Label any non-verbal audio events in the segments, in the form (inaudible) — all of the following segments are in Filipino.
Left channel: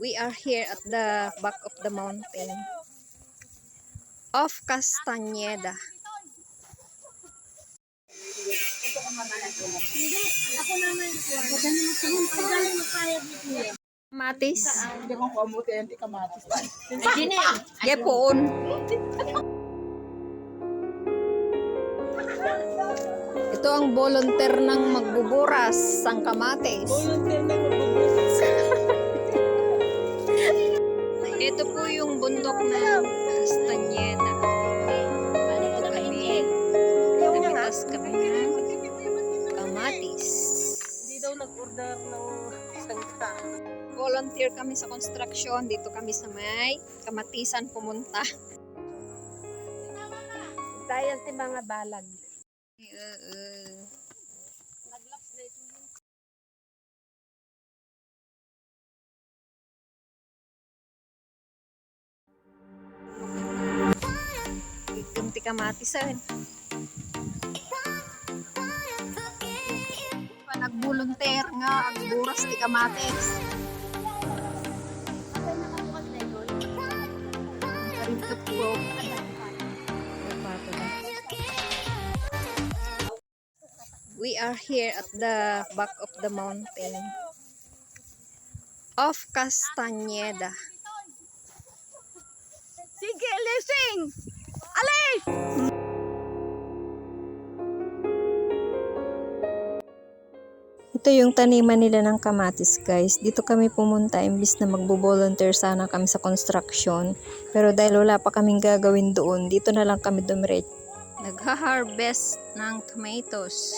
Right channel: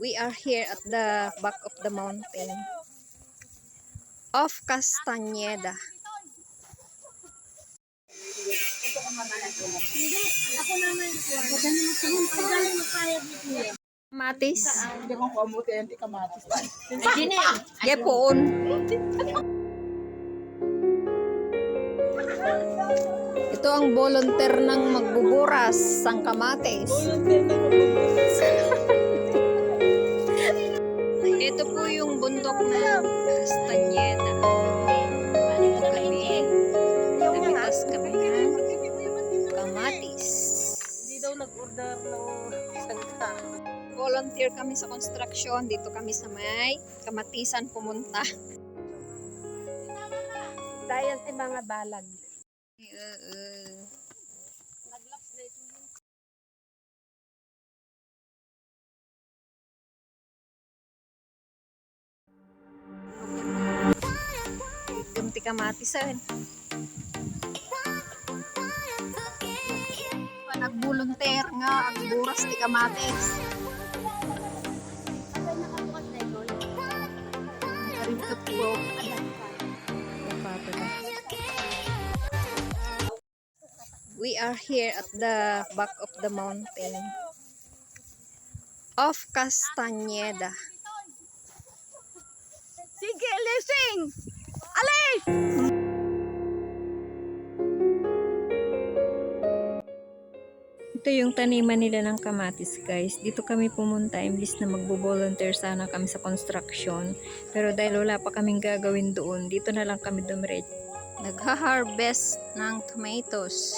We are here at the back of the mountain of Castañeda. Matis. Hindi ko kamuti, hindi kamatis. Ito ang volunteer ng magbuburas sang kamates. Volunteer na magbubukas. (laughs) Ito po yung bundok ng Castañeda. Ito kami. Namitas kami ng kamatis. Hindi daw nag-order ng sangka. Volunteer kami sa construction. Dito kami sa may kamatisan pumunta. Dahil ti mga balag. Uh, Gamti kamatis. Pa nagbolunteer nga ang buras ti kamatis. Kapag nakabukas na ito, Karibot po. We are here at the back of the mountain of Castañeda. Sige, lising! Ito yung taniman nila ng kamatis guys. Dito kami pumunta imbis na magbo-volunteer sana kami sa construction. Pero dahil wala pa kaming gagawin doon, dito na lang kami dumiret. Nagha-harvest ng tomatoes.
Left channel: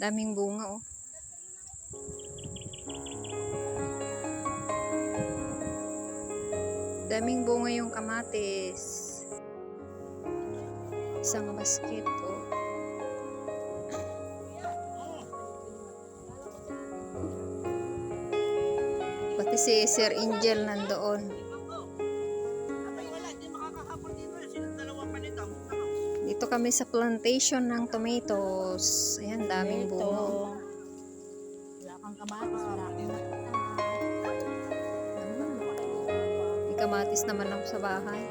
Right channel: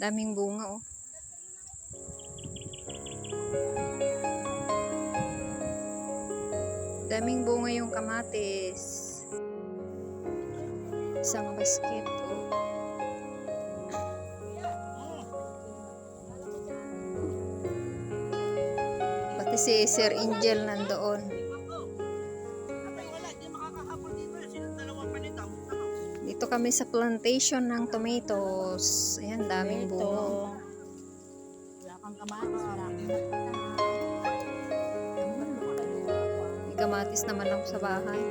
Daming bunga oh. Daming bunga yung kamatis. Isang basket, oh. Pati si Sir Angel nandoon. Dito. Kami sa plantation ng tomatoes. Ayan, daming bunga. Wala kang kamatis, wala kang. May kamatis naman ako sa bahay.